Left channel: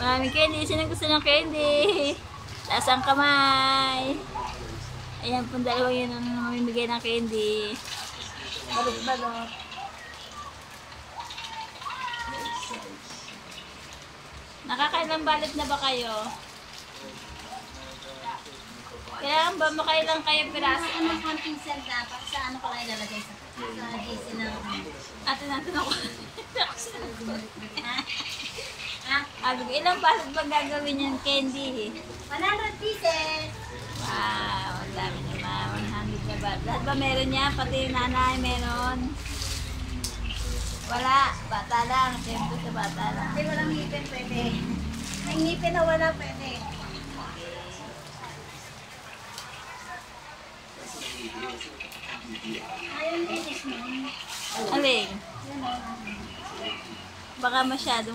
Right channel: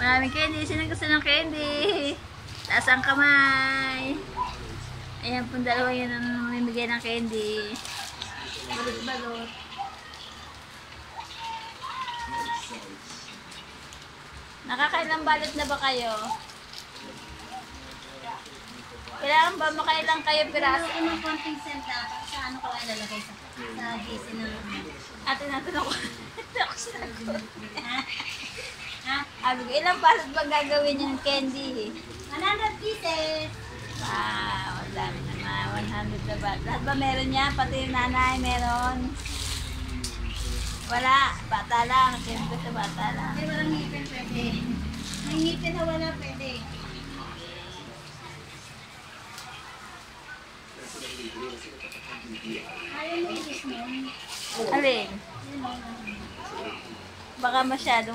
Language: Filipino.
Maraming candy. Sino gusto ng candy? Taas ang kamay. Ayan pong dalawa yun ang mamimigay ng candy. Balot-balot. Nakakailang balot na ba kayo? Kailangan ba makailang kayo piraso? Ano ang konting cent dapat? Sa ano ko lang ilalagay sa GC na... Ate natin ako. Ako sinagot. Ha? Ilang balot ba gagawin yung candy? 100 pieces! Wow, ang dami naman. 100 na ba? Lahat ba meron niya? Pati yung nanay meron? Wala. Bata lang. Siyempre sa bata lang. Ay, walang ngipin pwede. May ngipin na wala pwede. Ayaw mo ilis mo. Alin? Yan o. Baka masyadong